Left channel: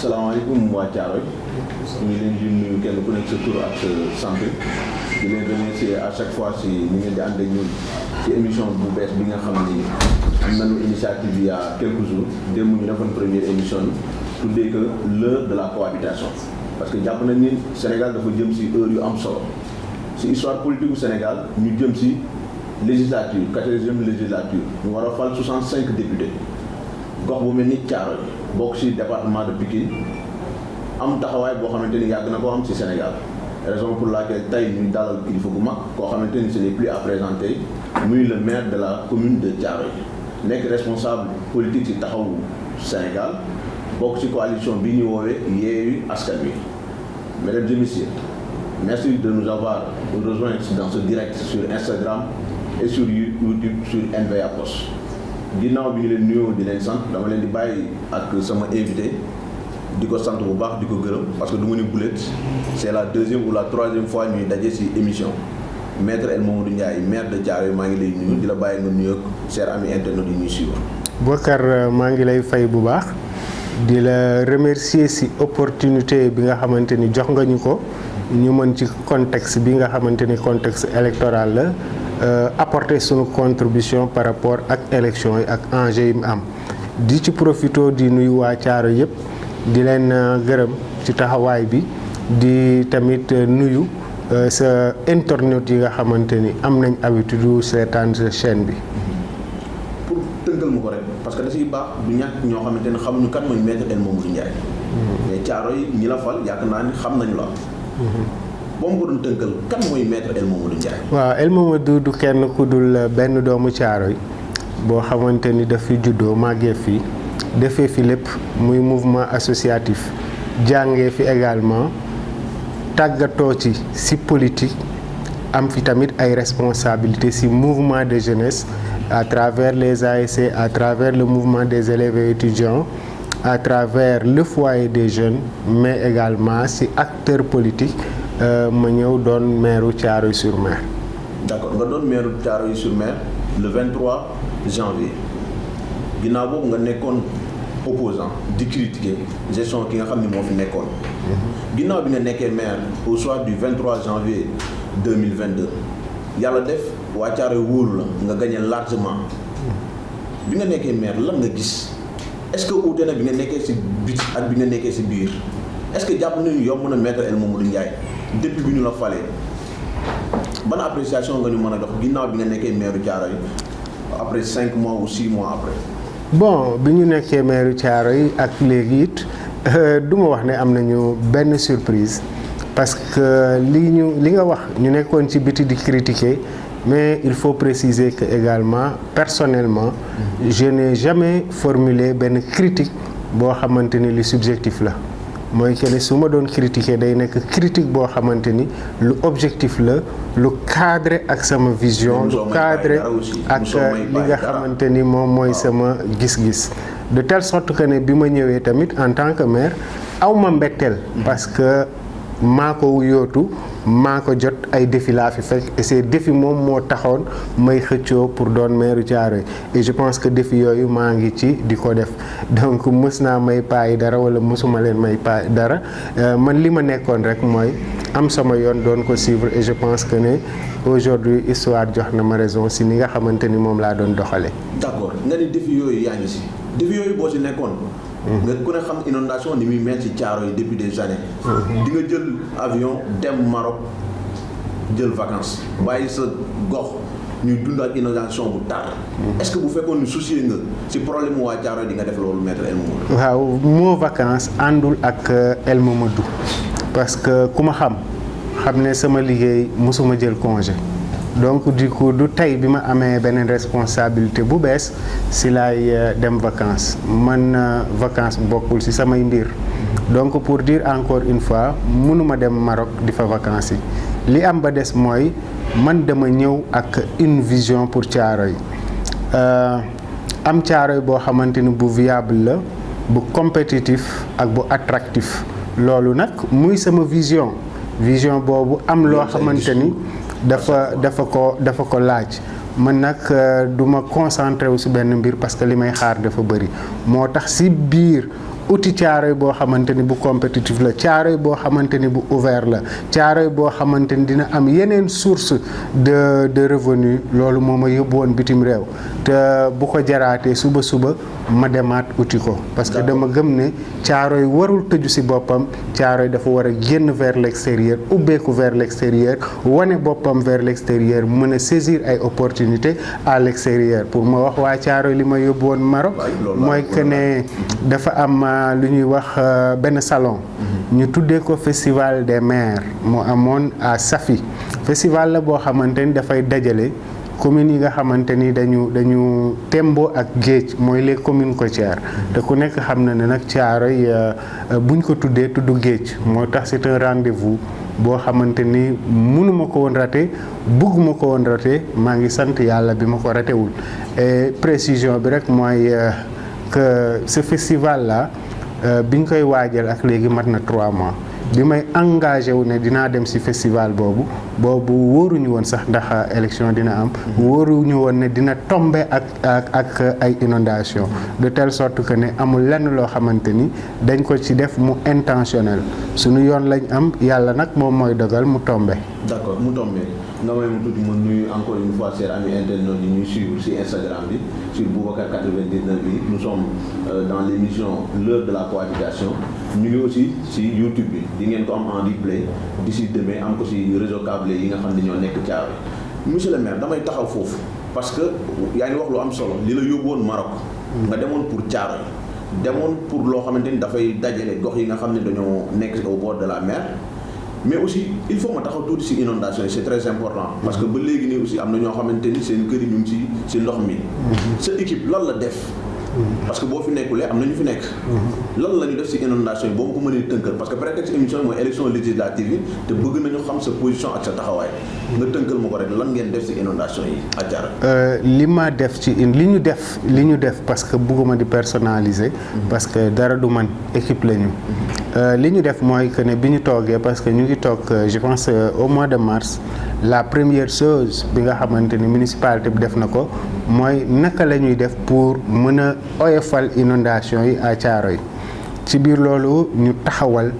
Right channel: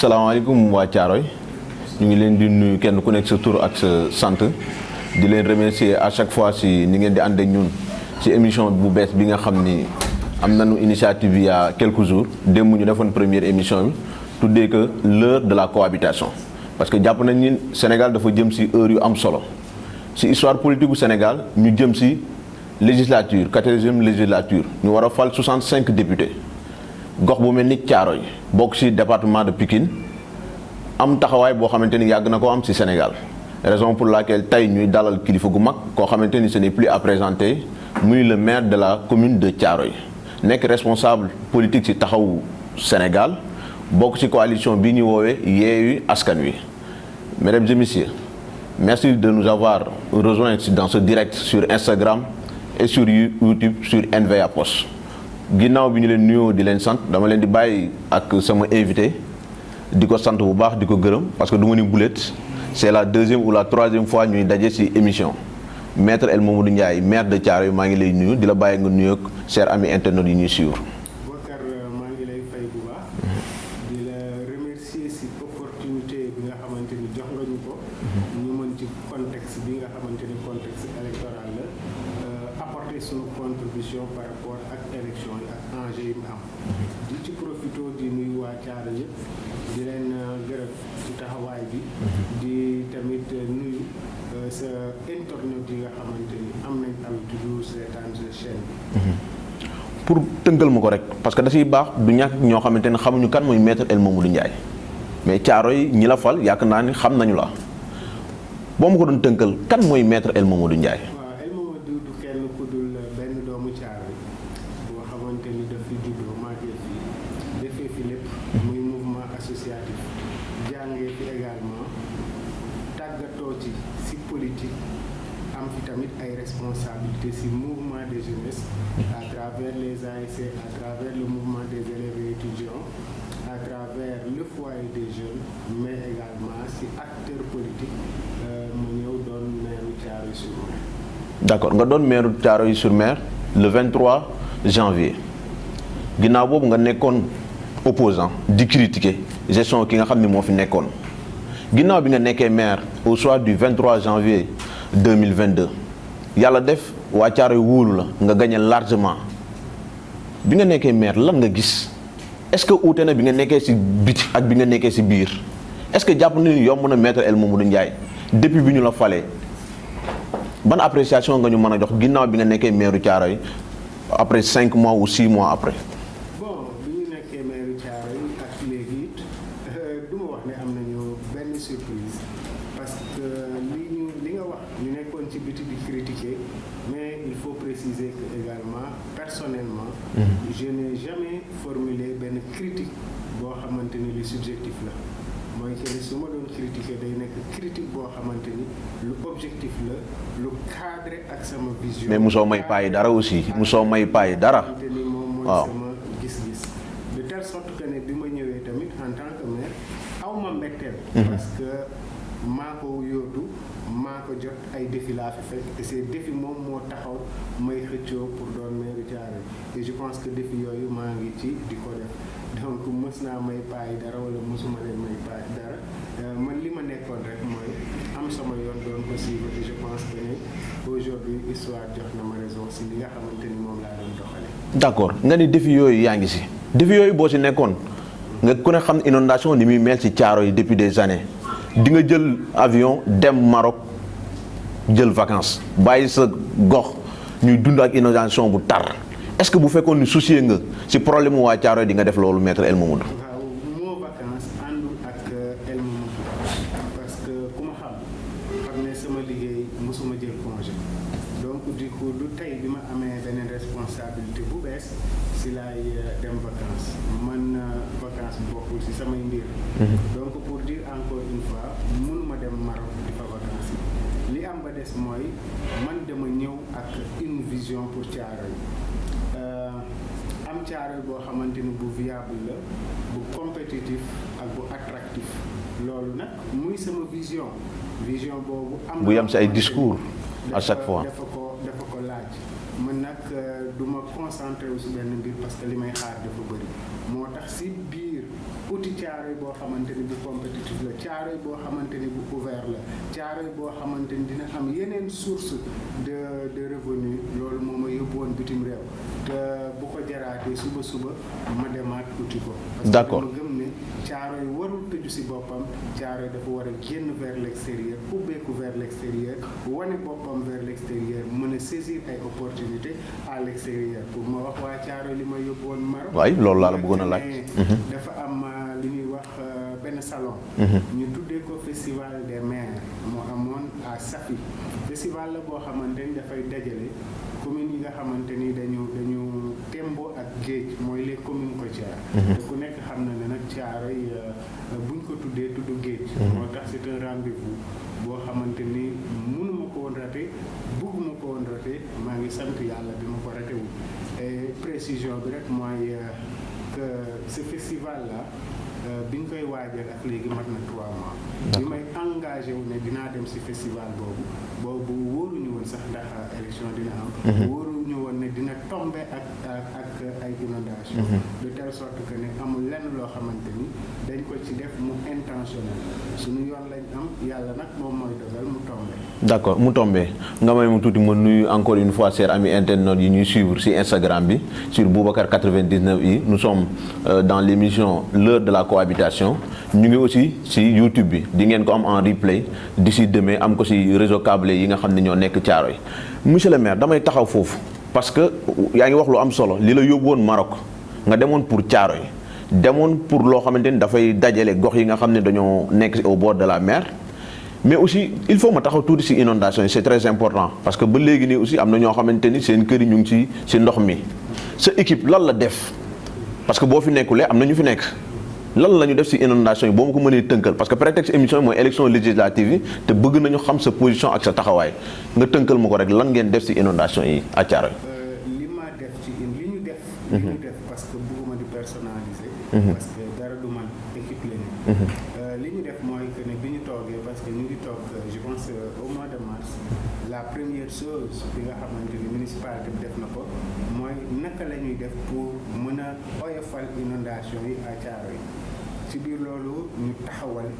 salaamaaleykum waa Thiaroye ñu ngi leen di nuyu kenn ku nekk sa tur ak sa sant di leen remercier à chaque fois si ni ngeen di ànd ak ñun ci émission bu bees bi nga xam ni am nañu initiative il y a quelques jours démb ñu defoon première émission bi tuddee que l'heure de la cohabitation parce que jàpp nañ ni Sénégal dafa jëm si heure yu am solo si histoire politique bu Sénégal ñu jëm si législature 14e législature ñu war a fal 65 députés gox bu mel ni Thiaroye bokk ci département de Pikine am taxawaay boo xamante ni yàgg na ko am ci Sénégal raison pour laquelle tey ñuy dalal kilifa gu mag koo xamante ni ce n'est plus à présenter muy le maire de la commune de Thiaroye nekk responsable politique ci taxawu Sénégal bokk ci coalition bi ñu woowee Yewwi Askan Wi. Mesdames et messieurs, merci de nous avoir rejoints dans ce direct sur Instagram et sur YouTube sur NVA Post. ginnaaw bi ñu leen nuyoo di leen sant dama leen di bàyyi ak sama invité di ko sant bu baax di ko gërëm parce que du ma ni bulet c'est la deuxième ou la troisième fois ñuy daje ci émission maître El Mamadou Ndiaye maire de Thiaroye maa ngi lay nuyu di la bàyyi nga nuyu ak chers amis internautes yi ñuy suivre. Bokar maa ngi lay fay bu baax di la remercier ci opportunité bi nga xamante ni jox nga ñu ko ñu mën ci contexte bi nga xamante ni contexte électoral la. Apporter sunu contribution par rapport ak élection yi ak enjeu yi mu am di ci profito di nuyu waa Thiaroye yëpp di leen gërëm ci taxawaay bi di tamit nuyu sa internautes yi nga xamante ni am nañ habitude seetaan sa chaîne bi. pour tënkal ma ko rek parce que da ciy baax du ñàkk ñoo xamante ne xamuñu kan mooy maître El Mamadou Ndiaye. mais Thiaroye ñi la fal yaakaar naa ni xam nañu la. boo ma ko doon tënkal kan mooy maître El Mamadou Ndiaye. waaw El Mamadou du kenn ku dul benn doomu Thiaroye boo xamante ni daf fi juddoo màggee fi defee fi lépp muy mouvement associatif jàngee fi également tàggatoo ci politique am fi tamit ay responsabilités ci mouvement de jeunesse à travers les ASC à travers le mouvement des élèves et étudiants à travers le foyer des jeunes mais également ci acteurs politiques. ma ñëw doon maire Thiaroye-sur-Mer. d'accord nga doon maire Thiaroye-sur-Mer le 23 janvier ginnaaw boobu nga nekkoon opposant di critiquer gestion ki nga xam ni moo fi nekkoon. ginnaaw bi nga nekkee maire au soir du 23 janvier 2022 yàlla def waa Thiaroye wóolu la nga gagné largement bi nga nekkee maire lan nga gis est-ce que uute na bi nga nekkee ci biti ak bi nga nekkee ci biir est-ce que jàpp nañu yomb na maître El Mamadou Ndiaye. depuis bi ñu la falee ban appréciation nga ñu mën a jox ginnaaw bi nga nekkee maire Thiaroye après 5 mois ou 6 mois après. bon bi ñu nekkee maire Thiaroye ak léegi it du ma wax ne am nañu benn surprise parce que li nga wax ñu nekkoon ci biti di critiquer mais il faut préciser que également personnellement je n'ai jamais formulé benn critique boo xamante ni li subjectif la. mooy que ne su ma doon critiquer day nekk critique boo xamante ni lu objectif la lu cadré ak sama vision. lu cadré ak li nga xamante ni moom mooy sama gis-gis. de telle sorte que ne bi ma ñëwee tamit en tant que maire aw ma mbetteel. parce que maa ko yootu maa ko jot ay défis laa fi fekk et ces défis moom moo taxoon may xëccoo pour doon maire Thiaroye et je pense que défis yooyu maa ngi ci di ko def donc mës naa may paay dara wala mësuma leen may paay dara man li ma nekkoon rek mooy am sama yoon doon ko suivre et je pense que ne aujourd'hui histoire jox na ma raison si ni nga xamante ni moom laa doon doxalee. d'accord nga ni défis yooyu yaa ngi si défis yooyu boo si nekkoon. nga ku ne xam inondation ni muy mel ci Thiaroye depuis des années. di nga jël avion dem Maroc jël vacances bàyyi sa gox ñuy dund ak inondation bu tar. est-ce que bu fekkoon ni soucié nga ci problème mu waa Thiaroye di nga def loolu maître El Mamadou. waaw moo vacances àndul ak El Mamadou parce que ku ma xam ne sama liggéey mosuma jël congé. donc du coup du tey bi ma amee beneen responsabilité bu bees si laay dem vacances man vacances bokkul si samay mbir donc pour dire encore une fois mënuma dem Maroc di fa vacances yi li am ba des mooy man dama ñëw ak une vision pour Thiaroye am Thiaroye boo xamante ni bu viable la bu compétitif ak bu attractif loolu nag muy sama vision boobu am loo xamante ni dafa ko laaj man nag du ma concentré wu si benn mbir parce que li may xaar dafa bëri moo tax si biir uti Thiaroye boo xamante ni bu compétitif la, Thiaroye boo xamante ni bu ouvert la, Thiaroye boo xamante ni dina am yeneen source de revenu. Loolu moo ma yóbbu woon bitim réew te bu ko jaraatee suba ma demaat uti ko. parce que dama gëm ne Thiaroye warul tëju ci boppam, Thiaroye dafa war a génn vers l'extérieur, ubbeeku vers l'extérieur, wane boppam vers l'extérieur, mën a saisir ay opportunités à l'extérieur. pour ma wax waa Thiaroye li ma yóbbu woon Maroc mooy que ne dafa am lu ñuy wax benn salon ñu tuddee ko festival des maires moo amoon à Safi. festival la boo xamante ni dafay dajale communes yi nga xamante ni dañu tembo ak géej, mooy les communes côtières. te ku nekk xam na ne nag Thiaroye buñ ko tuddee tudd géej, moo tax c'est un rendez-vous boo xamante ni mënuma ko woon raté, bëgguma ko woon raté. maa ngi sant yàlla bi ma ko ratéwul. et précision bi rek mooy que ce festival là biñ koy waajal ak léegi mat na 3 mois. bi may engagé wu ne dinaa dem ci festival boobu wóoruñu woon sax ndax élection dina am. wóoruñu woon ne dina tomber ak ay inondation de telle sorte que ne amul lenn loo xamante ni dañ ko ci def mu intentionnel. suñu yoon lañ am, yàlla nag moom mooy dogal mu tombe. d'accord mu tombe nga may mu tuuti ma nuyu encore une fois chers amis internautes yi ñuy suivre ci Instagram bi sur Boubacar 99i. nous sommes dans l'émission l'heure de la cohabitation. ñu ngi aussi ci YouTube bi di ngeen ko am en replay d'ici demain, am ko ci réseau câblé yi nga xam ne ñoo nekk Thiaroye. monsieur le maire damay taxaw foofu parce que yaa ngi wax lu am solo li la yóbbu woon Maroc nga demoon pour Thiaroye, demoon pour loo xamante ni dafay dajale gox yi nga xam ne dañoo nekk au bord de la mer. mais aussi il faut ma taxaw tuuti ci inondation yi, c'est très important parce que ba léegi nii aussi am na ñoo xamante ni seen kër yi ñu ngi ci ndox mi. sa équipe lan la def parce que boo fi nekkulee am na ñu fi nekk. lan la ñu def ci inondation yi boo ma ko mënee tënkal parce que prétexte émission yi mooy élection législative yi te bëgg nañu xam sa position ak sa taxawaay nga tënkal ma ko rek lan ngeen def ci inondation yi à Thiaroye. li ma def ci li ñu def parce que bëgguma di personnaliser. parce que dara du man équipe la ñu. li ñu def mooy que ne bi ñu toogee parce que ñu ngi toog je pense au mois de mars. la première chose bi nga xamante ni municipalité bi def na ko mooy naka la ñuy def pour mën a oyofal inondation yi à Thiaroye. ci biir loolu ñu taxawal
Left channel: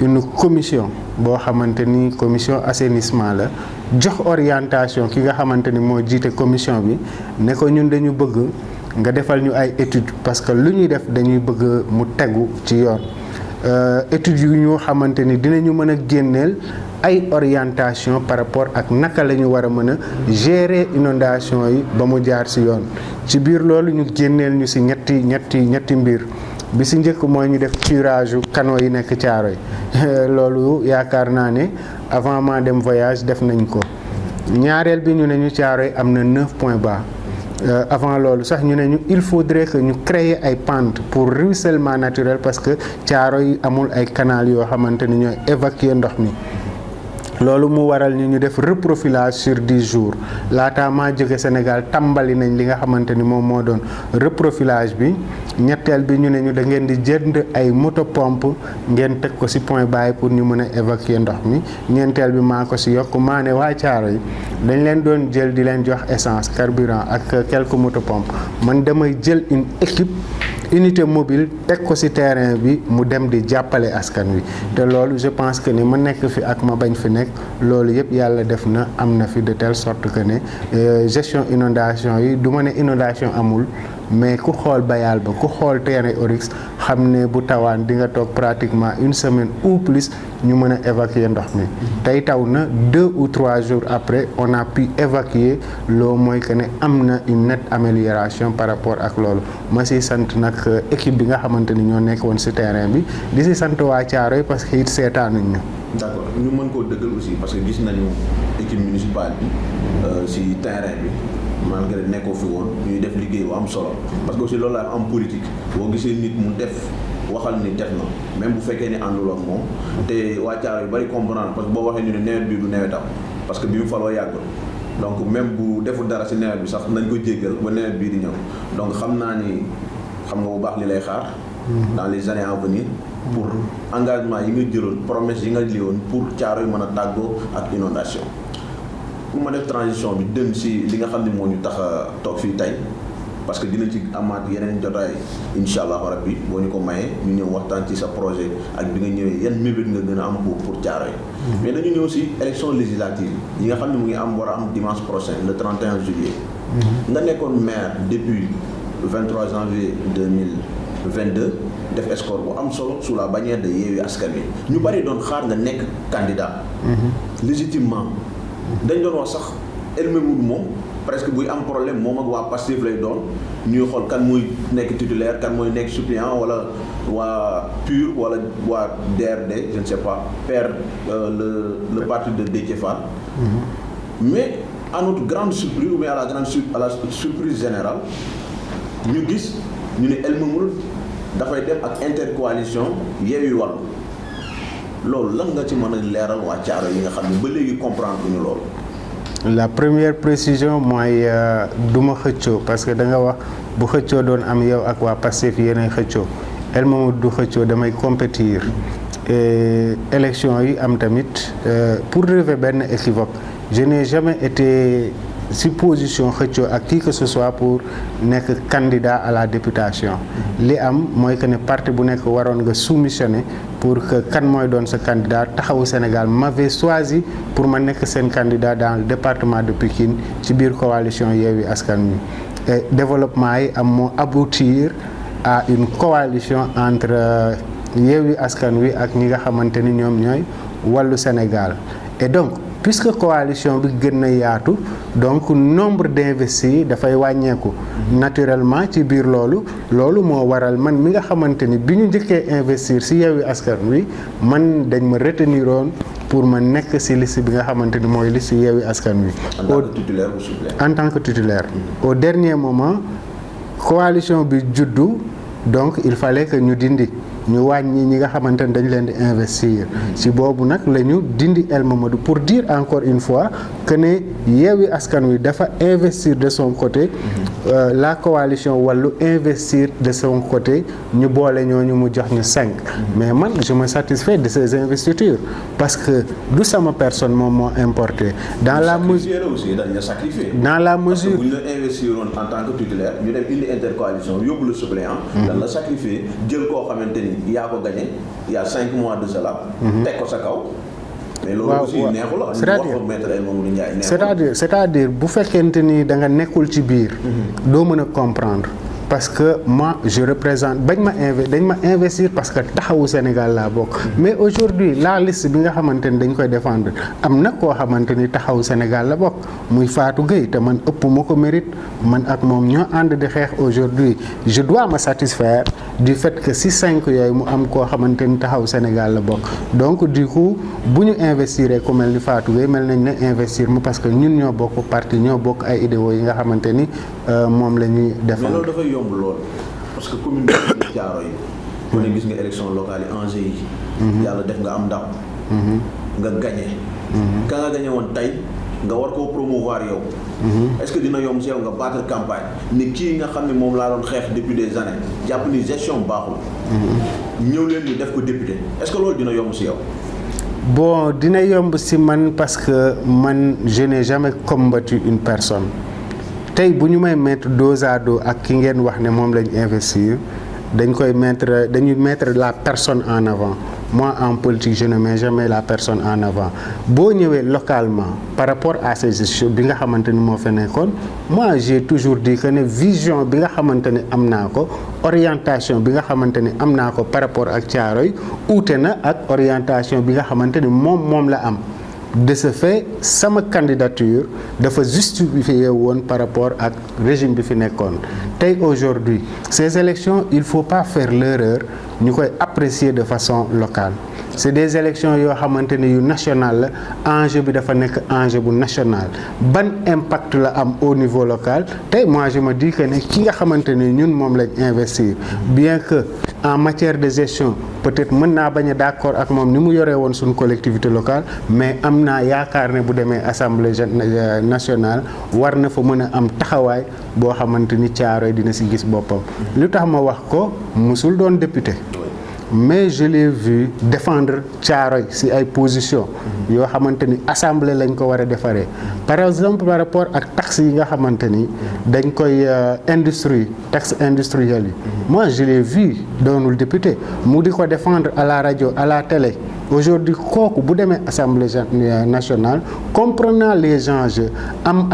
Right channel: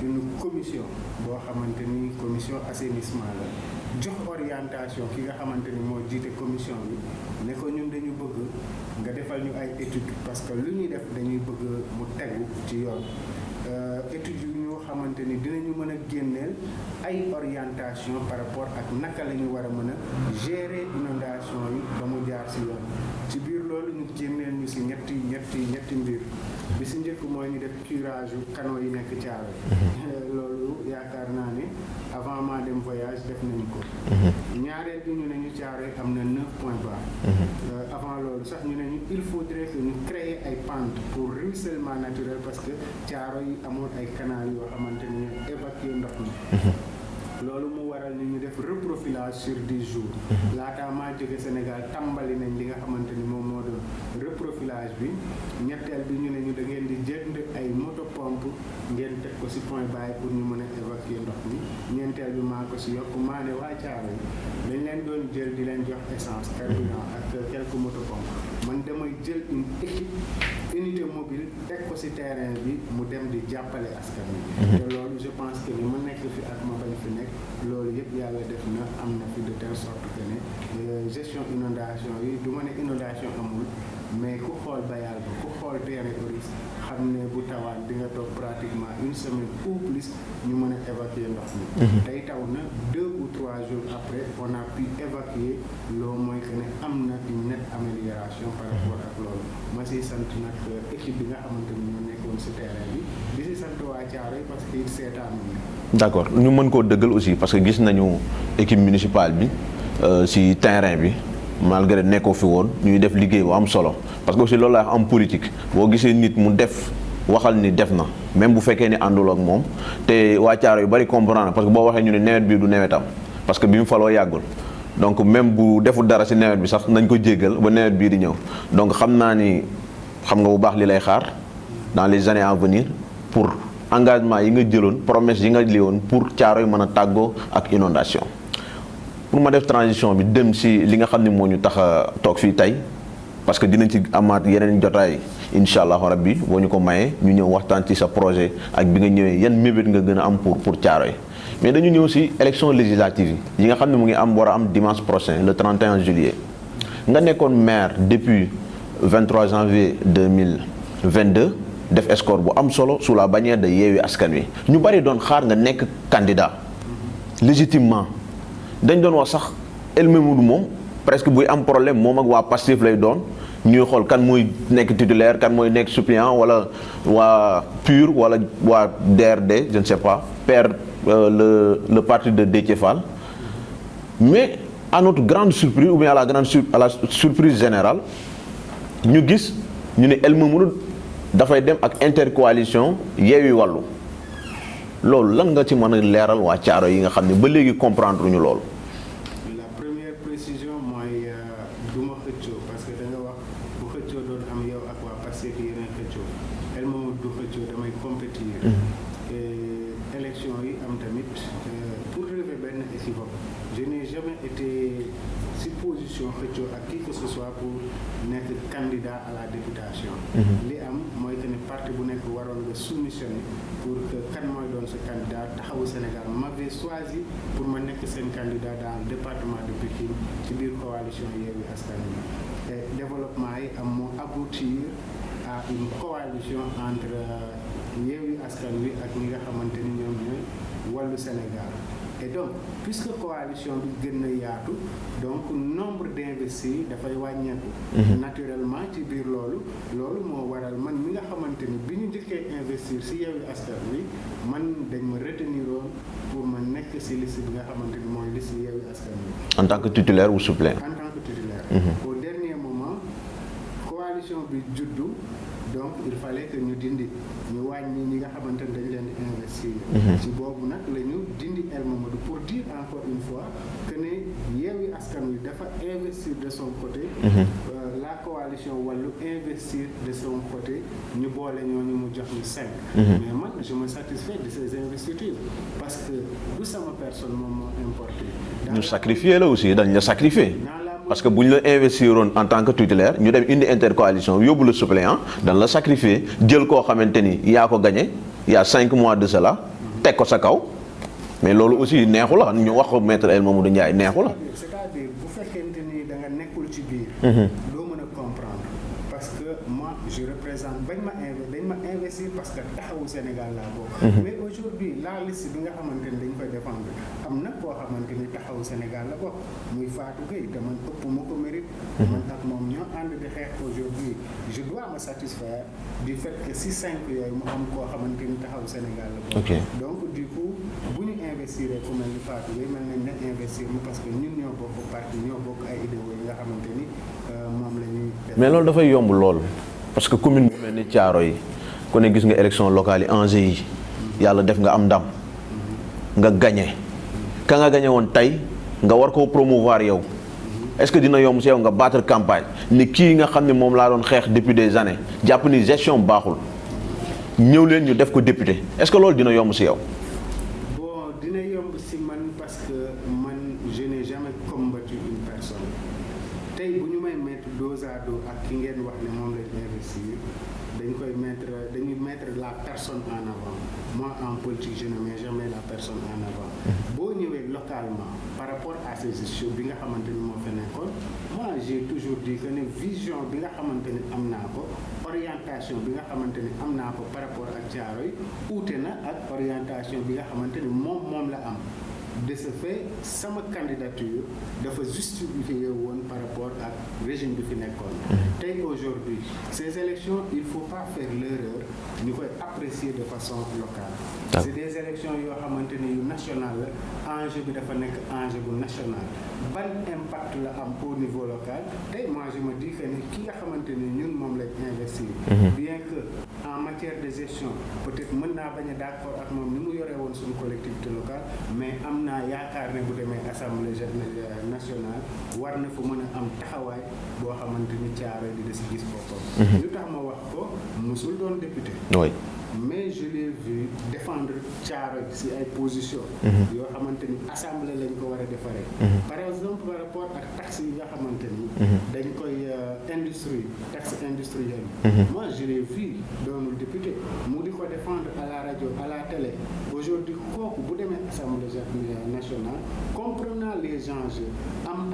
une commission boo xamante ni commission assainissement la, jox orientation ki nga xamante ni moo jiite commission bi ne ko ñun dañu bëgg nga defal ñu ay études parce que lu ñuy def dañuy bëgg mu tegu ci yoon. études yu ñoo xamante ni dinañu mën a génneel ay orientation par rapport ak naka la ñu war a mën a gérer inondation yi ba mu jaar ci yoon. ci biir loolu ñu génneel ñu ci ñetti mbir. bi ci njëkk mooy ñu def curage canaux yi nekk Thiaroye. loolu yaakaar naa ne avant ma dem voyage def nañ ko. ñaareel bi ñu ne ñu Thiaroye am na 9 points bas. avant loolu sax ñu ne ñu il faudrait que ñu créer ay pentes pour ruissellement naturel parce que Thiaroye amul ay canal yoo xamante ni ñooy évacuer ndox mi. loolu mu waral ñu def reprofilage sur 10 jours laataa maa jóge Sénégal tàmbali nañ li nga xamante ni moom moo doon reprofilage bi. ñetteel bi ñu ne ñu da ngeen di jënd ay moto pompe ngeen teg ko ci point bas pour ñu mën a évacuer ndox mi. ñeenteel bi maa ko ci yokk maa ne waa Thiaroye dañ leen doon jël di leen jox essence carburant ak quelques moto pompe man damay jël une équipe unité mobile teg ko ci terrain bi mu dem di jàppale askan wi. te loolu je pense que ni ma nekk fi ak ma bañ fi nekk loolu yëpp yàlla def na am na fi de telle sorte que ne gestion inondation yi du ma ne inondation amul. mais ku xool Bayal ba ku xool terrain Oryx xam ne bu tawaan di nga toog pratiquement une semaine ou plus ñu mën a évacuer ndox mi. tey taw na 2 ou 3 jours après on a pu évacuer loo mooy que ne am na une nette amélioration par rapport ak loolu ma si sant nag équipe bi nga xamante ni ñoo nekk woon si terrain bi di si sant waa Thiaroye parce que it seetaanuñ ñu. d'accord ñu mën koo dëggal aussi parce que gis nañu équipe municipale bi si terrain bi. malgré nekkoo fi woon ñuy def liggéey bu am solo parce que aussi loolu la am politique boo gisee nit mu def waxal ni def na même bu fekkee ni àndul ak moom te waa Thiaroye yu bari comprendre parce que boo waxee ñu ne nawet bi du nawetam parce que bi mu faloo yàggul donc même bu deful dara ci nawet bi sax nañ ko jéggal ba nawet bii di ñëw donc xam naa ni xam nga bu baax li lay xaar dans les années à venir pour engagement yi nga jëloon promesse yi nga liwoon pour Thiaroye mën a tàggoo ak inondation pour ma def transition bi dem ci li nga xam ne moo ñu tax a toog fii tey parce que dinañ ci amaat yeneen jotaay incha allahu rabbi boo ñu ko mayee ñu ñëw waxtaan ci sa projet ak bi nga ñëwee yan mébét nga gën a am pour Thiaroye mais dañu ñëw si élection législative yi nga xam ne mu ngi am war a am dimanche prochain le 31 juillet nga nekkoon maire depuis 23 janvier 2022 def escore bu am solo sous la bannière de Yewwi Askan Wi ñu bari doon xaar nga nekk candidat légitimement dañ doon wax sax El Mamadou moom presque buy am problème moom ak waa Pastef lay doon ñuy xool kan mooy nekk titulaire kan mooy nekk suppléant wala waa PUR wala waa DRD je ne sais pas père le parti de Déthié Fall mais à notre grande surprise ou bien à la surprise générale ñu gis ñu ne El Mamadou dafay dem ak intercoalition Yewwi Wallu loolu lan nga ci mën a leeral waa Thiaroye yi nga xam ne ba léegi comprendre ñu loolu. La première précision mooy du ma xëccoo parce que da nga wax bu xëccoo doon am yow ak waa Pastef yéenay xëccoo El Mamadou du xëccoo damay compétir et élection yi am tamit pour relever benn équivoque je n'ai jamais été si position xëccoo ak qui que ce soit pour nekk candidat à la députation li am mooy que ne parti bu nekk waroon nga soumissionner pour que kan mooy doon sa candidat Taxawu Sénégal m'avait choisi pour ma nekk seen candidat dans le département de Pikine ci biir coalition Yewwi Askan Wi et développement yi am moo aboutir à une coalition entre Yewwi Askan Wi ak ñi nga xamante ni ñoom ñooy Wallu Sénégal et donc puisque coalition bi gën na yaatu donc nombre d'investis dafay wàññeeku naturellement ci biir loolu moo waral man mi nga xamante ni bi ñu njëkkee investir ci Yewwi Askan Wi man dañ ma retenir woon pour ma nekk ci liste bi nga xamante ni mooy liste Yewwi Askan Wi. En tant que titulaire ou suppléant? En tant que titulaire. Au dernier moment coalition bi juddu donc il fallait que ñu dindi ñu wàññi ñi nga xamante ne dañ leen di investir. ci boobu nag la ñu dindi El Mamadou pour dire encore une fois que ne Yewwi Askan Wi dafa investir de son côté. La coalition Wallu investir de son côté ñu boole ñooñu mu jox ñu 5. mais man je me satisfais de ces investitures parce que du sama personne moom moo importé. dans la sacrifié la aussi dañ la sacrifié. dans la mesure parce que bu ñu la investiroon en tant que titulaire ñu dem indi intercoalition yóbbu la suppléant. dañ la sacrifié jël koo xamante ni. yaa ko gagné il y a 5 mois de cela. teg ko sa kaw. mais loolu aussi neexu la ñu wax ko maître El Mamadou Ndiaye neexu la. c'est-à-dire bu fekkente ni da nga nekkul ci biir. doo mën a comprendre. parce que moi je représente dañ ma investir parce que Taxawu Sénégal laa bokk. mais aujourd'hui la liste bi nga xamante ni dañ koy défendre am na koo xamante ni Taxawu Sénégal la bokk muy Fatou Gueye te man ëpp ma ko mérite man ak moom ñoo ànd di xeex aujourd'hui je dois me satisfaire du fait que si 5 yooyu mu am koo xamante ni Taxawu Sénégal la bokk. donc du coup bu ñu investir ku mel ni Fatou Gueye mel nañ ne investir ma parce que ñun ñoo bokk parti ñoo bokk ay idéaux yi nga xamante ni moom la ñuy def. mais loolu dafay yomb lool parce que commune bi di Thiaroye ku ne gis nga élection locale yi enjeu yi. yàlla def nga am ndam. nga gagné. ka nga gagné woon tey nga war koo promouvoir yow. est-ce que dina yomb si yow nga battre campagne ni kii nga xam ne moom laa doon xeex depuis des années jàpp ni gestion baaxul. ñëw leen ñu def ko député est-ce que loolu dina yomb si yow. bon dina yomb si man parce que man je n'ai jamais combattu une personne. tey bu ñu may mettre dos à dos ak ki ngeen wax ne moom lañ investir dañuy mettre la personne en avant moi en politique je ne mets jamais la personne en avant boo ñëwee localement par rapport à ces gestions bi nga xamante ni moo fa nekkoon moi j'ai toujours dit que ne vision bi nga xamante ni am naa ko orientation bi nga xamante ni am naa ko par rapport ak Thiaroye uute na ak orientation bi nga xamante ni moom la am. de ce fait sama candidature dafa justifié woon par rapport ak régime bi fi nekkoon tey aujourd'hui ces élections il faut pas faire l'erreur ñu koy apprécier de façon locale c'est des élections yoo xamante ne yu national la enjeu bi dafa nekk enjeu bu national ban impact la am au niveau local tey moi je me dis que ne ki nga xamante ne ñun moom lañ investir bien que en matière de gestion peut-être mën naa bañ a d'accord ak moom ni mu yoree woon suñu collectivité locale mais am naa yaakaar ne bu demee assemblée nationale war na fa mën a am taxawaay boo xamante ni Thiaroye dina si gis boppam lu tax ma wax ko musul doon député mais je l'ai vu défendre Thiaroye si ay position yoo xamante ni assemblée lañ ko war a defaree par exemple par rapport ak taxes yi nga xamante ni dañ koy industrie taxe industrielle yi moi je l'ai vu doonul député mu di ko défendre à la radio à la télé aujourd'hui kooku bu demee assemblée nationale comprenant les enjeux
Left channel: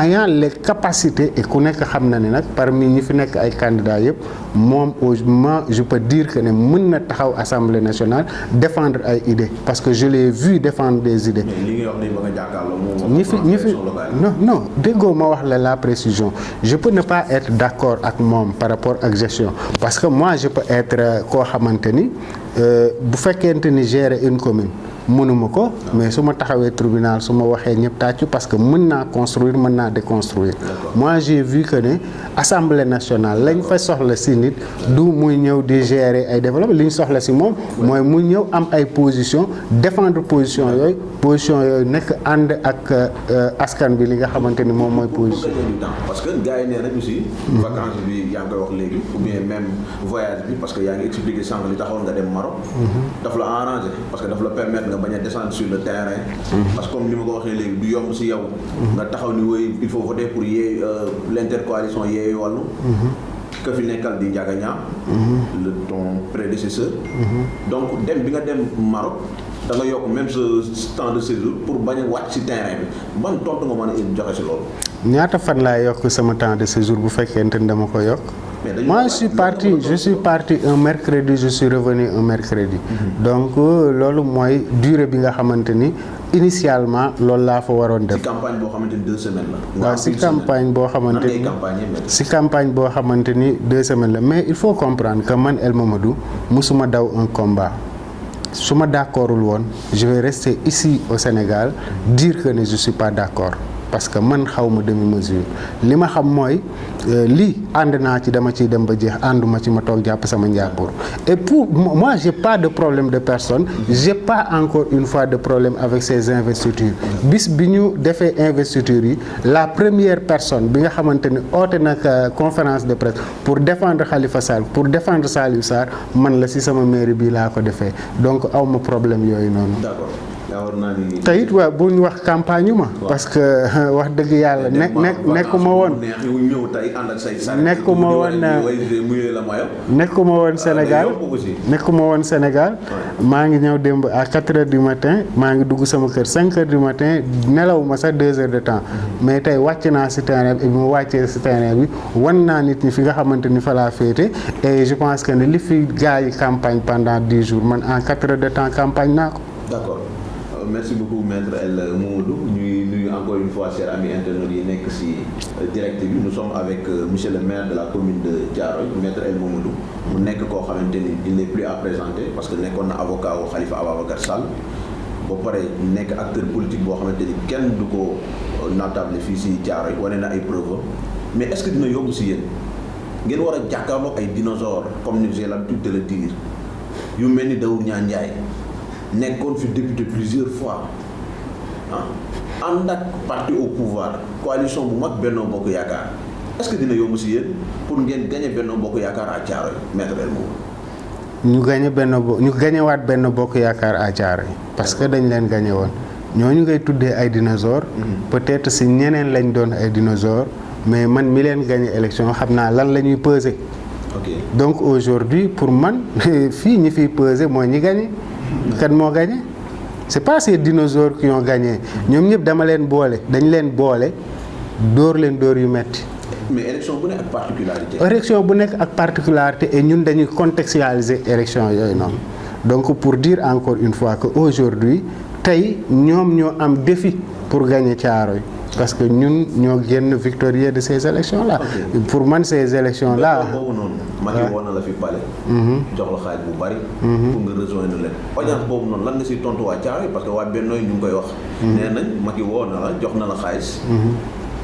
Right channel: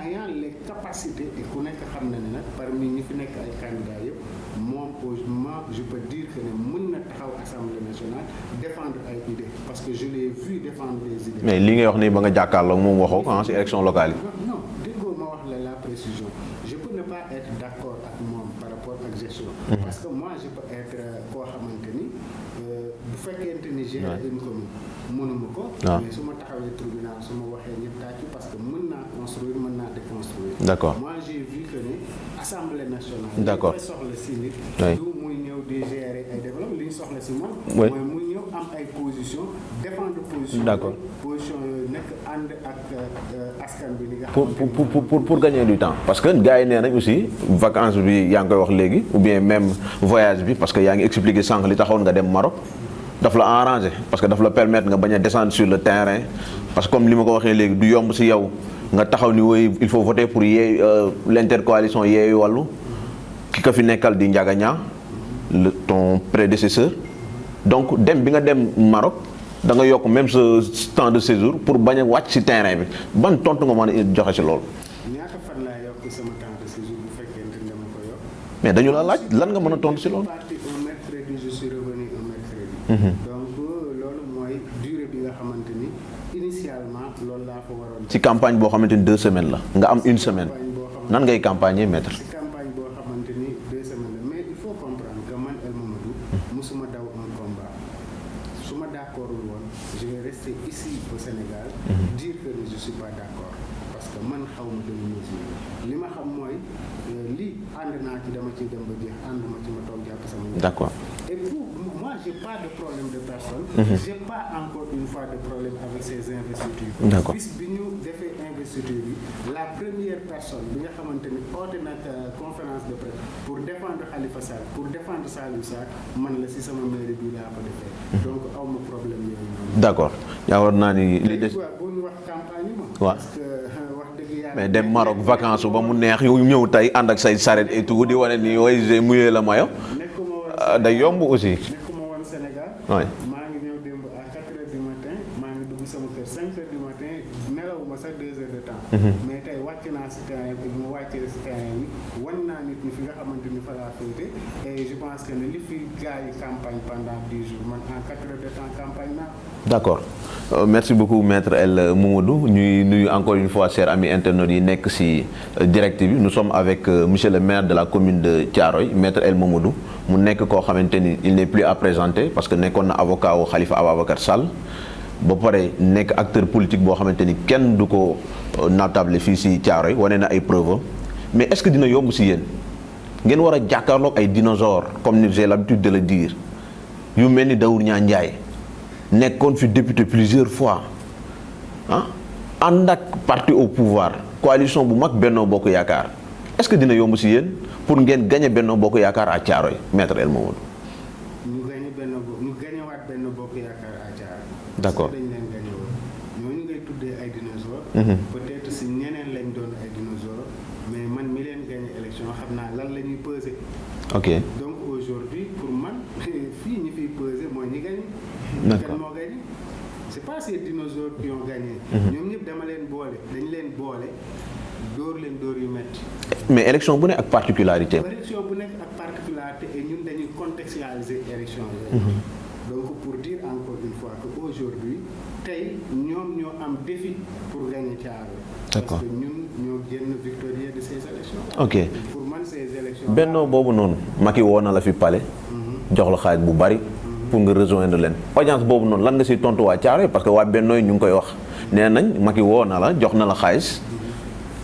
ayant les capacités et ku nekk xam na ne nag parmi ñi fi nekk ay candidats yëpp moom moi je peux dire que ne mën na taxaw assemblée nationale défendre ay idées parce que je l'ai vu défendre des idées. mais li ngay wax ni ba nga jàkkaarloo moom waxoo en élection locale yi. non déggoo ma wax la précision je peux ne pas être d'accord ak moom par rapport ak gestion parce que moi je peux être koo xamante ni bu fekkente ni gérer une commune mënuma ko mais su ma taxawee tribunal su ma waxee ñëpp tàccu parce que mën naa construire mën naa déconstruire. D'accord. moi j'ai vu que ne assemblée nationale lañ fa soxla si nit du muy ñëw di gérer ay développement li ñu soxla si moom mooy mu ñëw am ay position défendre position yooyu nekk ànd ak askan bi li nga xamante ni moom mooy position pour gagner du temps parce que gars yi nee nañ aussi vacances bi yaa ngi koy wax léegi ou bien même voyage bi parce que yaa ngi expliqué sànq li taxoon nga dem Maroc daf la arrangé parce que daf la permettre nga bañ a descendre sur le terrain parce que comme li ma ko waxee léegi du yomb si yow nga taxaw ni woy il faut voter pour l'intercoalition Yewwi Wallu ki ko fi nekkal di Ndiaga Niang ton prédécesseur donc dem bi nga dem Maroc da nga yokk même ce temps de séjour pour bañ a wàcc ci terrain bi ban tontu nga mën a joxe ci loolu. ñaata fan laay yokk sama temps de séjour bu fekkente ni dama ko yokk. mais dañu moi je suis parti un mercredi je suis revenu un mercredi. donc loolu mooy durée bi nga xamante ni initialement loolu laa fa waroon def. ci campagne boo xamante ni 2 semaines la. nga am une semaine campagne boo xamante nan ngay campagner maître. ci campagne boo xamante ni 2 semaines la mais il faut comprendre que man El Mamadou musuma daw un combat. su ma d'accordul woon je vais rester ici au Sénégal dire que ne je suis pas d'accord parce que man xaw ma demi-mesure li ma xam mooy lii ànd naa ci dama ciy dem ba jeex ànduma ci ma toog jàpp sama njàppor et pour moi j'ai pas de problème de personne j'ai pas encore une fois de problème avec ces investitures bis bi ñu defee investitures yi la première personne bi nga xamante ni oote nag conférence de presse pour défendre Khalifa Sall pour défendre Saliou Sarr man la ci sama mairie bi laa ko defee donc aw ma problème yooyu noonu. D'accord. yaa war naa ni. te it waa bu ñu wax campagne ma. parce que wax dëgg yàlla. nekkuma woon neex yu ñëw tey ànd ak say saret. nekkuma woon di wane ni oui j'ai mouillé le maillot. nekkuma woon Sénégal day yomb aussi. nekkuma woon Sénégal. maa ngi ñëw démb à 4 heures du matin maa ngi dugg sama kër 5 heures du matin nelaw ma sax 2 heures de temps. mais tey wàcc naa si terrain bi mu wàccee si terrain bi wan naa nit ñi fi nga xamante ni fa laa féete et je pense que ne li fi gars yi campagne pendant 10 jours man en 4 heures de temps campagne naa ko. D'accord. Merci beaucoup maître El Mamadou ñuy nuyu encore une fois chers amis internautes yi nekk ci direct bi nous sommes avec monsieur le maire de la commune de Thiaroye maître El Mamadou mu nekk koo xamante ni il n'est plus à présenter parce que nekkoon na avocat wu Khalifa Ababacar Sall ba pare nekk acteur politique boo xamante ni kenn du ko natable fii ci Thiaroye wane na ay preuves mais est-ce que dina yomb ci yéen ngeen war a jàkkaarloog ay dinosaures comme j'ai l'habitude de le dire yu mel ni Daour Niang Ndiaye nekkoon fi député plusieurs fois ànd ak parti au pouvoir coalition bu mag Benno Bokk Yaakaar est-ce que dina yomb ci yéen pour ngeen gagner Benno Bokk Yaakaar à Thiaroye maître El Mamadou. ñu gañewaat Benno Bokk Yaakaar à Thiaroye parce que dañ leen gañe woon ñooñu ngay tuddee ay dinosaures. peut-être ci ñeneen lañ doon ay dinosaures mais man mi leen gañe élection xam naa lan la ñuy peser. ok donc aujourd'hui pour man fii ñi fiy peser mooy ñi gañe. kan moo gagné c'est pas ces dinosaures qui ont gagné ñoom ñëpp dañ leen boole dóor yu metti mais élection bu nekk ak particularité. élection bu nekk ak particularité et ñun dañuy contextualiser élection yooyu noonu donc pour dire encore une fois que aujourd'hui tey ñoom ñoo am défi pour gagner Thiaroye parce que ñun ñoo génn victorieux de ces élections là. Okay. pour man ces élections là Benno boobu noonu. Macky woo na la fi palais. jox la xaalis bu bari. pour nga rejoindre leen. audience boobu noonu lan nga siy tontu waa Thiaroye parce que waa Benno ñu ngi koy wax. nee nañ Macky woo na la jox na la xaalis.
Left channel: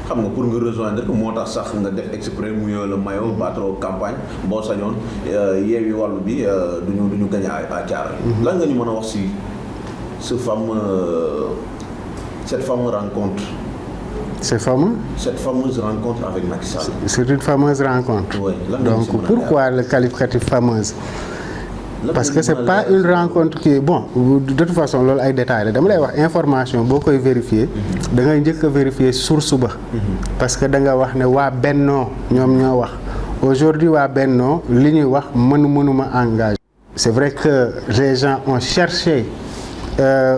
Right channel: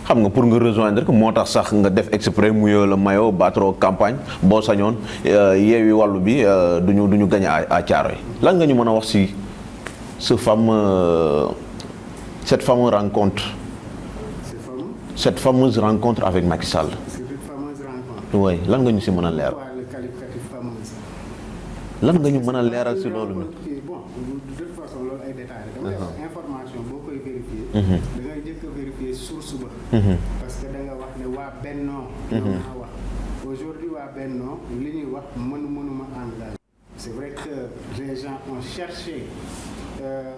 xam nga pour nga rejoindre ko moo tax sax nga def exprès mouiller le maillot battre campagne boo sañoon Yewwi Wallu bi duñu gagner à Thiaroye. lan nga ñu mën a wax si cette fameuse rencontre. Cette fameuse rencontre avec Macky Sall. C'est une fameuse rencontre. Oui. Donc pourquoi le qualificatif fameuse? parce que c'est pas une rencontre qui bon de toute façon loolu ay détails la dama lay wax information boo koy vérifier da ngay njëkk a vérifier source ba parce que da nga wax ne waa Bennoo ñoom ñoo wax aujourd'hui waa Bennoo li ñuy wax mënuma engagé c'est vrai que les gens ont cherché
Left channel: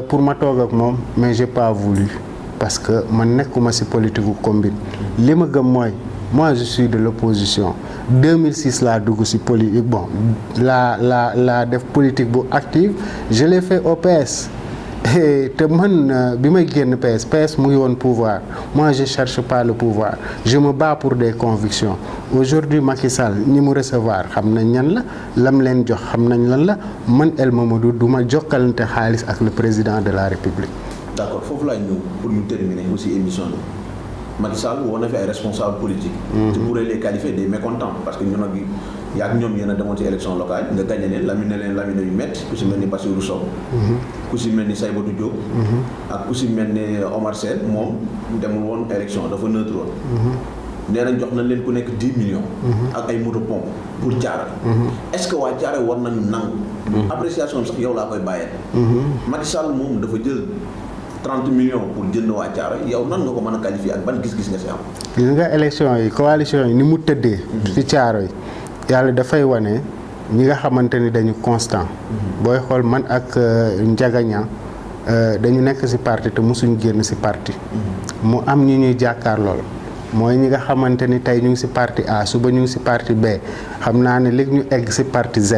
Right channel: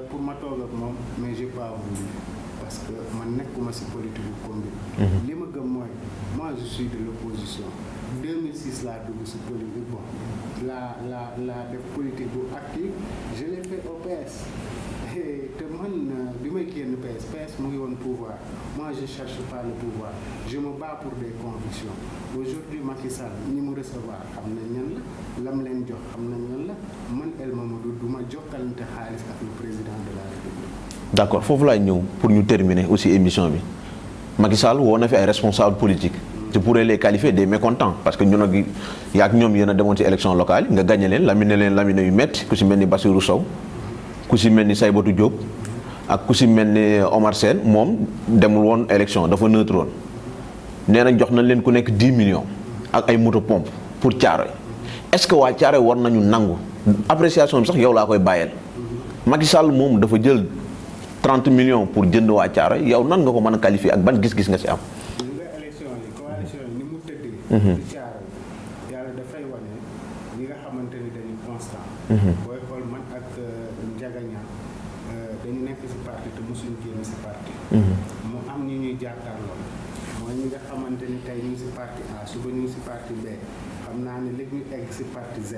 pour ma toog ak moom mais j'ai pas voulu parce que man nekkuma ci politique gu combine li ma gëm mooy moi je suis de l'opposition 2006 laa dugg ci politique bon la def politique bu active je l'ai fait au PS te man bi may génn PS mu ngi woon pouvoir moi je cherche pas le pouvoir je me bats pour des convictions aujourd'hui Macky Sall ñi mu recevoir xam nañ ñan la lam leen jox xam nañ lan la man El Mamadou du ma jokkalante xaalis ak le président de la République. d'accord foofu laay ñëw pour ñu terminer aussi émission bi Macky Sall woo na fi ay responsables politiques. je pourrais les qualifier des mécontents parce que ñun ak yaa ñoom yéen a demoon ci élection locale nga gagné leen lamine yu métti ku si mel ni Bassirou Sow. ku si mel ni Saybatou Diop. ak ku si mel ni Omar Sène moom demul woon élection dafa neutre woon. nee nañ jox nañ leen ku nekk 10 millions. ak ay moto pompe pour Thiaroye. est-ce que waa Thiaroye war nañu nangu. appréciation bi sax yow laa koy bàyyeel. Macky Sall moom dafa jël 30 millions pour jënd waa Thiaroye yow nan nga ko mën a qualifier ak ban gis-gis nga si am. gis nga élection yi coalition yi ni mu tëddee. ci Thiaroye yàlla dafay wane ñi nga xamante ni dañu constant. booy xool man ak Ndiaga Niang dañu nekk ci parti te mosuñu génn ci parti. mu am ñi ñuy jàkkaar lool. mooy ñi nga xamante ni tey ñu ngi ci parti A suba ñu ngi ci parti B xam naa ne léegi ñu egg ci parti Z.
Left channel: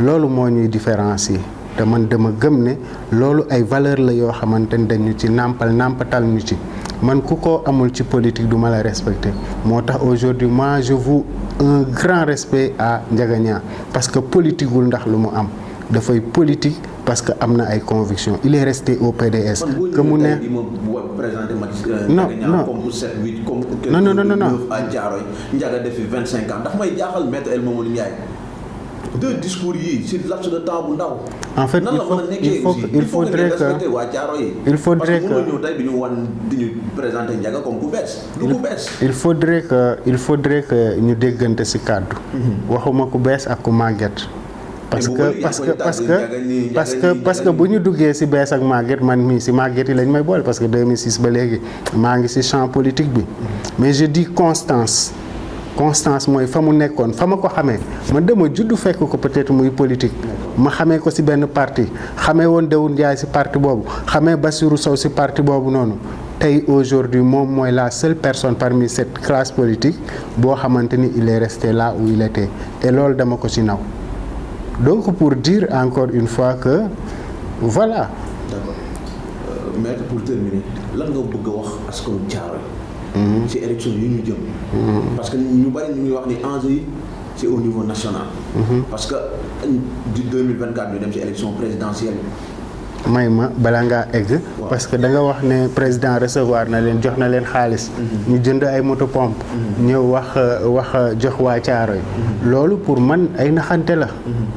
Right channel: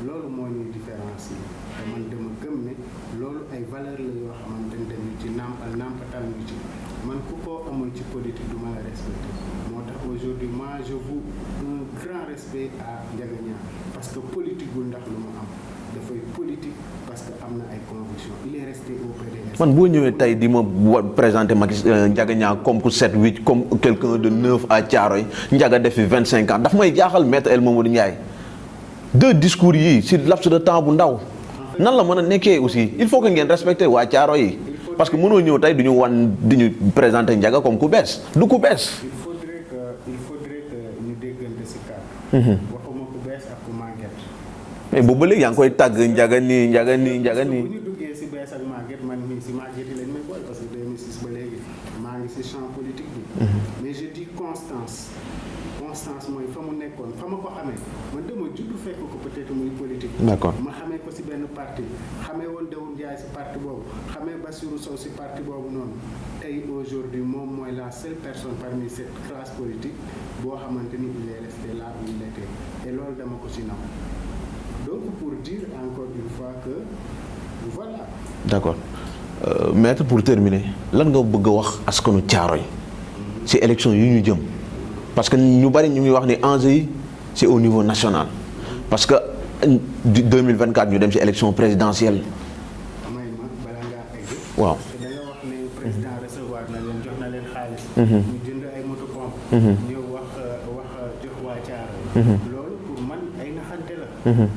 loolu moo ñuy différencier te man dama gëm ne loolu ay valeur la yoo xamante ni dañu ci nàmpatal ñu ci man ku ko amul ci politique du ma la respecter moo tax aujourd'hui moi je voue un grand respect à Ndiaga Niang parce que politiqueul ndax lu mu am dafay politique parce que am na ay convictions il est resté au PDS. man boo ñëwee tey di ma présenter Ndiaga Niang comme ku 7 8 comme quelqu'un de neuf à Thiaroye Ndiaga def fi 25 ans daf may jaaxal maître El Mamadou Ndiaye deux discours yi ci laps de temps bu ndaw. en fait nan la mën a nekkee aussi il faut que ngeen respecter waa Thiaroye yi. parce que mënoo ñëw tey du ñu présenter Ndiaga comme ku bees du ku bees. il faudrait que ñu déggante ci kàddu. waxuma ku bees ak ku màgget. parce que bu ñu duggee ci bees ak màgget man mii ci màgget yi lañ may boole parce que 2006 ba léegi maa ngi ci champ politique bi mais je dis constance mooy fa mu nekkoon fa ma ko xamee man dama juddu fekk ko peut-être muy politique. ma xamee ko ci benn parti xamee woon Daoud Ndiaye ci parti boobu xamee Bassirou Sow ci parti boobu noonu tey aujourd'hui moom mooy la seule personne parmi cette classe politique boo xamante ni il est resté là où il était et loolu dama ko ci naw. donc pour dire encore une fois que voilà. d'accord maître pour terminer lan nga bëgg a wax askanu Thiaroye ci élection yi ñu jëm. parce que ñu bari ñu ngi wax ni enjeu yi c'est au niveau national. parce que 2024 ñu dem ci élection présidentielle. may ma bala ngaa egg. parce que da nga wax ne président recevoir na leen jox na leen xaalis. ñu jënd ay moto pompe. ñëw wax jox waa Thiaroye. loolu pour man ay naxante la.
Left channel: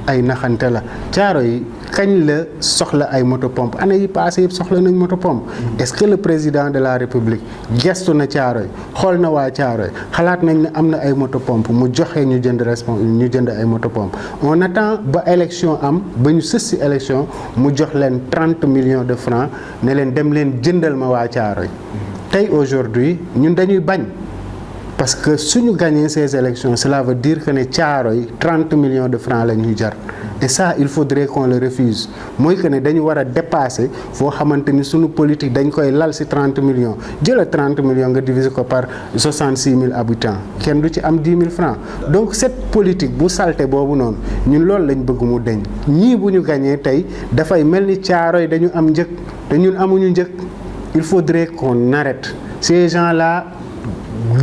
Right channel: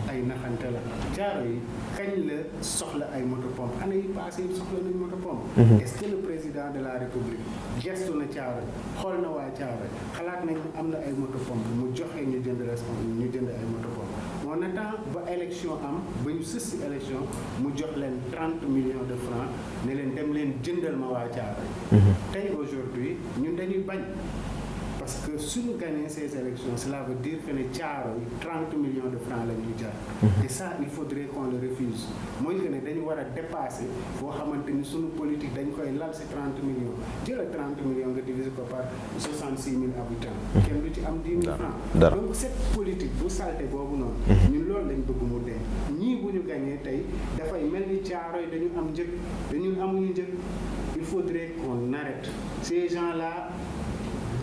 ay naxante la Thiaroye kañ la soxla ay moto pompe année yi passé yëpp soxla nañ moto pompe. est-ce que le président de la République gestu na Thiaroye xool na waa Thiaroye xalaat nañ ne am na ay moto pompe mu joxe ñu jënd ay moto pompe on attend ba élection am ba ñu sës si élection mu jox leen 30 millions de francs ne leen dem leen jëndal ma waa Thiaroye. tey aujourd'hui ñun dañuy bañ parce que suñu gagné ces élections cela veut dire que ne Thiaroye 30 millions de francs la ñuy jar. et ça il faudrait qu'on le refuse mooy que ne dañu war a dépasser foo xamante ni suñu politique dañ koy lal ci 30 millions jëla 30 millions nga diviser ko par 66 000 habitants kenn du ci am 10 000 francs. donc cette politique bu salté boobu noonu ñun loolu lañ bëgg mu deñ ñii bu ñu gagné tey dafay mel ni Thiaroye dañu am njëg te ñun amuñu njëg il faudrait qu'on arrête ces gens-là.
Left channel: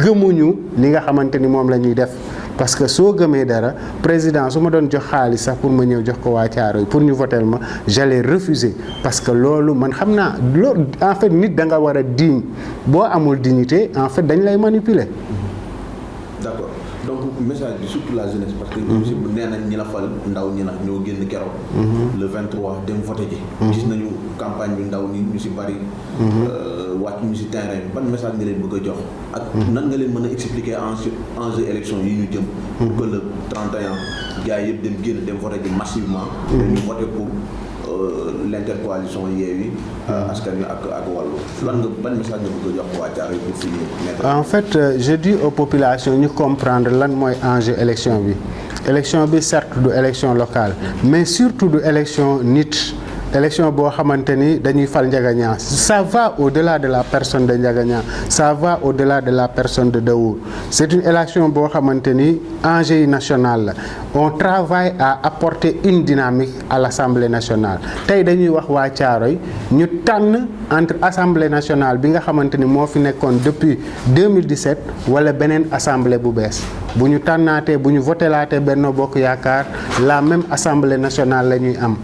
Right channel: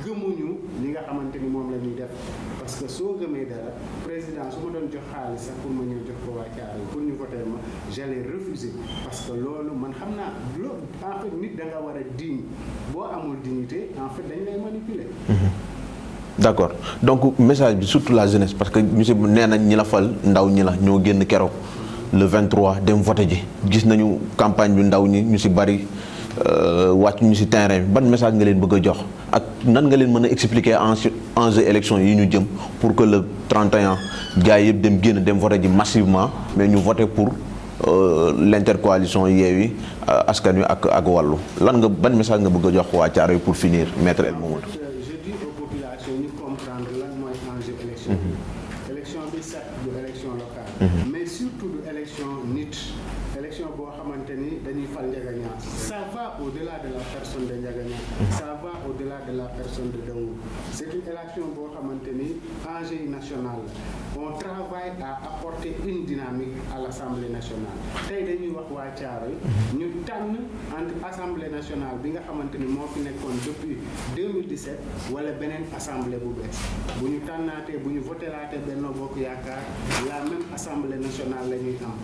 gëmuñu li nga xamante ni moom la ñuy def parce que soo gëmee dara président su ma doon jox xaalis sax pour ma ñëw jox ko waa Thiaroye pour ñu voter ma j'allais refuser parce que loolu man xam naa loolu en fait nit da nga war a digne boo amul dignité en fait dañ lay manipuler. d'accord donc message bi surtout la jeunesse parce que monsieur nee nañ ñi la fal ndaw ñi la ñoo génn keroog. le 23 dem voté ji. gis nañu campagne bi ndaw ñi ñu ci bari. wàcc ñu ci terrain bi ban message nga leen bëgg a jox ak nan nga leen mën a expliquer enjeu élection yi ñu jëm pour que le 31 gars yëpp dem génn dem voté ji massivement. mais ñu voté pour. L'intercoalition Yewwi Askan Wi ak Wallu lan nga ban message nga bëgg a jox waa Thiaroye pour finir maître. En fait je dis aux populations ñu comprendre lan mooy enjeu élection bi élection bi certes du élection locale mais surtout du élection nit élection boo xamante ni dañuy fal Ndiaga Niang ça va au-delà de la personne de Ndiaga Niang ça va au-delà de la personne de Daour c'est une élection boo xamante ni enjeu yi national la on travaille à apporter une dynamique à l'Assemblée nationale tey dañuy wax waa Thiaroye ñu tànn entre Assemblée nationale bi nga xamante ni moo fi nekkoon depuis 2017 wala beneen assemblée bu bees bu ñu tànnaatee bu ñu votelaatee Benno Bokk Yaakaar la même Assemblée nationale la ñuy am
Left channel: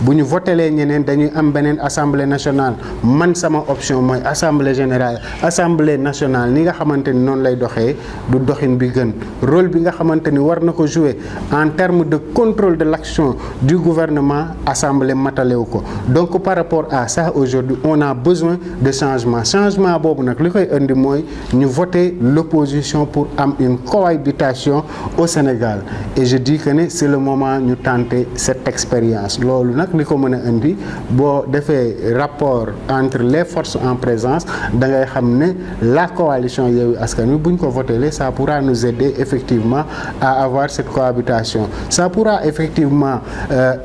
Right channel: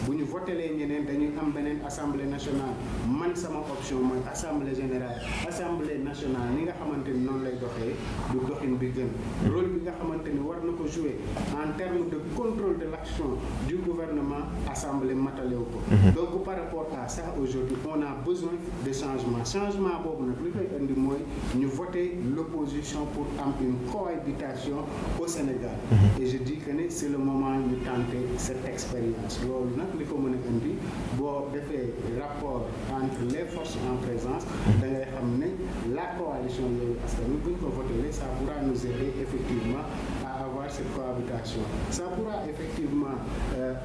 bu ñu votelee ñeneen dañuy am beneen assemblée nationale man sama option mooy assemblée générale assemblée nationale ni nga xamante ni noonu lay doxee du doxin bi gën rôle bi nga xamante ni war na ko jouer en termes de contrôle de l'action du gouvernement assemblée matalewu ko donc par rapport à ça aujourd'hui on a besoin de changement boobu nag li koy indi mooy ñu voter l'opposition pour am une cohabitation au Sénégal et je dis que ne c'est le moment ñu tenter cette expérience loolu nag li ko mën a indi boo defee rapport entre les forces en présence da ngay xam ne la coalition Yewwi Askan Wi bu ñu ko voté ça pourra nous aider effectivement à avoir cette cohabitation ça pourra effectivement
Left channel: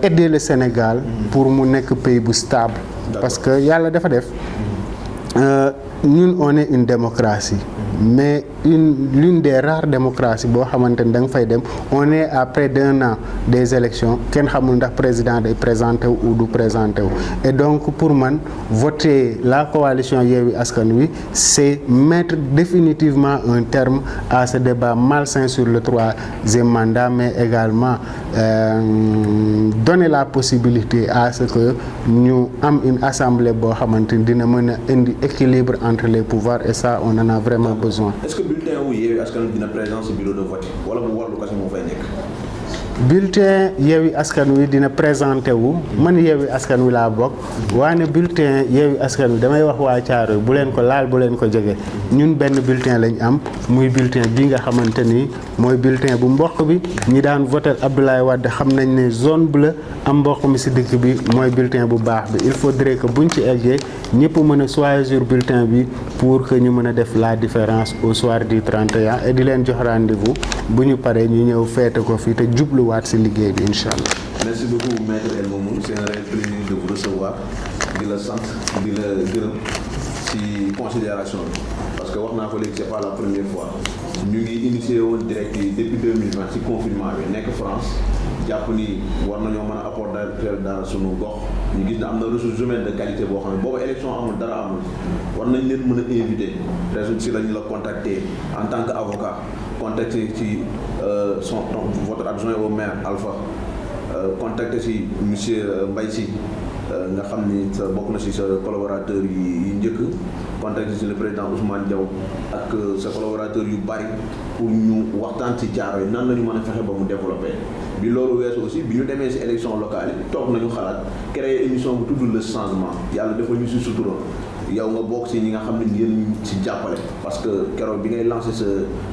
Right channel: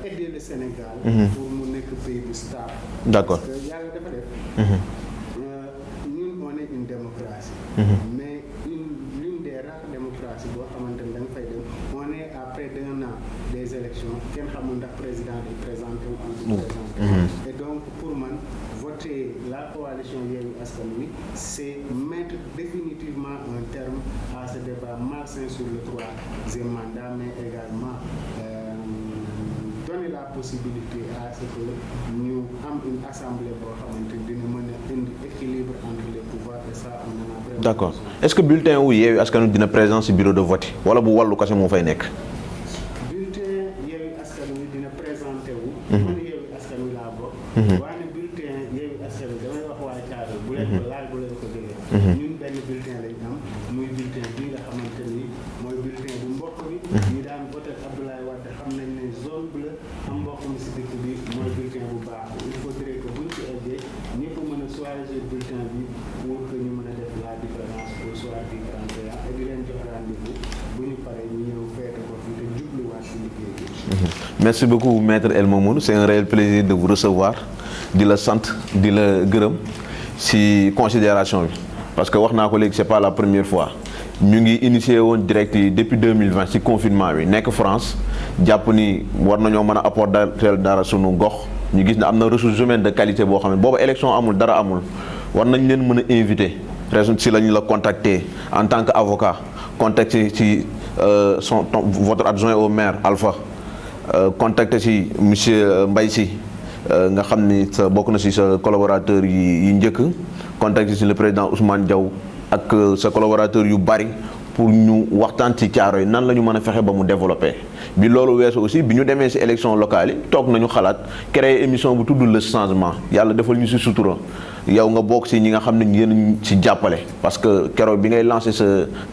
aider le Sénégal pour mu nekk pays bu stable parce que yàlla dafa def ñun on est une démocratie mais l'une des rares démocraties boo xamante ni da nga fay dem on est à près d'1 an des élections kenn xamul ndax président day présenté wu ou du présenté wu et donc pour man voter la coalition Yewwi Askan Wi c'est mettre définitivement un terme à ce débat malsain sur le 3e mandat mais également donner la possibilité à ce que ñu am une assemblée boo xamante ni dina mën a indi équilibre entre les pouvoirs et ça on en a vraiment besoin. Est-ce que bulletin wu Yewwi Askan Wi dina présent ci bureau de vote wala bu Wallu kese moo fay nekk. bulletin Yewwi Askan Wi dina présenté wu man Yewwi Askan Wi laa bokk waane bulletin Yewwi Askan Wi damay wax waa Thiaroye bu leen ko laal bu leen ko jege ñun benn bulletin lañ am muy bulletin bi nga xamante ni mooy bulletin bu mboq bi ñi daan voter Abdoulaye Wade xam nañ ne zone bleue am mboq mi ci dëkk bi mooy bulletin bu baax bi il faudrait que buñ ci eggee ñëpp mën a choisir bulletin bi pour que ñu mën a def la différence au soir du 31 et di leen jox rendez-vous bu ñu paree ñu ñëw feete ko fii te jubluwaat ci liggéey bi incha allah. Merci beaucoup maître El Mamoun c'est un réel plaisir de vous recevoir di la sant di la gërëm ci considération bi parce que wax naa ko léegi c'est pas la première fois ñu ngi initié woon direct yi depuis 2020 ci confinement bi nekk France jàpp ni war nañoo mën a apporter dara sunu gox ñu gis ne am na ressources humaines de qualité boo xam ne boobu élection amul dara amul war nañ leen mën a invité raison ci lañu la contacter en tant que avocat contacter ci votre adjoint au maire Alpha contacter ci monsieur Mbaye Sy nga xam ni sa bokk na ci sa collaborateur yi njëkk contacter ci le président Ousmane Diaw ak sa collaborateur yu bari pour ñu waxtaan ci Thiaroye nan la ñu mën a fexe ba mu développer bi loolu weesu aussi bi ñu demee ci élection locale yi toog nañu xalaat créer émission bu tudd le changement yàlla defal ñu ci sutura yow nga bokk ci ñi nga xam ne yéen ci jàppale parce que keroog bi ngay lancer sa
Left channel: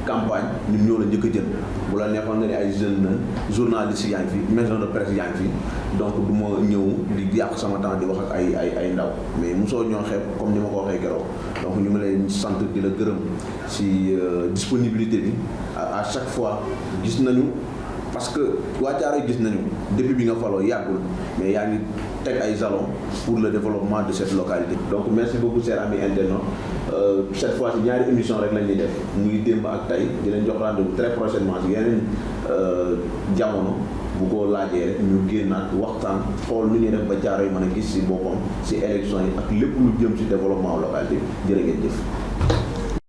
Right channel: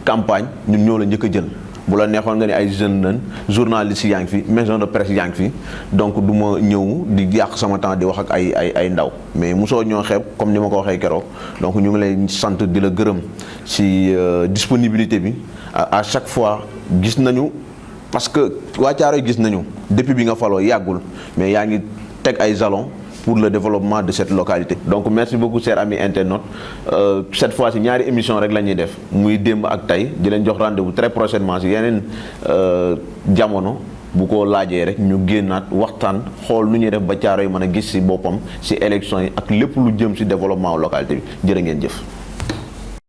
campagne ñun ñoo la njëkk a jël bu la neexoon nga ne ay jeunes lañ journalistes yaa ngi fi maison de presse yaa ngi fi donc du ma ñëw di yàq sama temps di wax ak ay ndaw mais mosoo ñoo xeeb comme ni ma ko waxee keroog donc ñu ngi lay sant di la gërëm ci disponibilité bi à chaque fois gis nañu parce que waa Thiaroye gis nañu depuis bi nga faloo yàggul mais yaa ngi teg ay jalons pour le développement de cette localité. Donc merci beaucoup chers amis internautes cette fois ci ñaari émission rek la ñuy def muy démb ak tey di leen jox rendez-vous très prochainement ci yeneen jamono bu ko laajee rek ñu génnaat waxtaan xool nu ñuy def ba Thiaroye mën a gis ci boppam ci élection yi ak lépp lu jëm ci développement localité bi jërë ngeen jëf.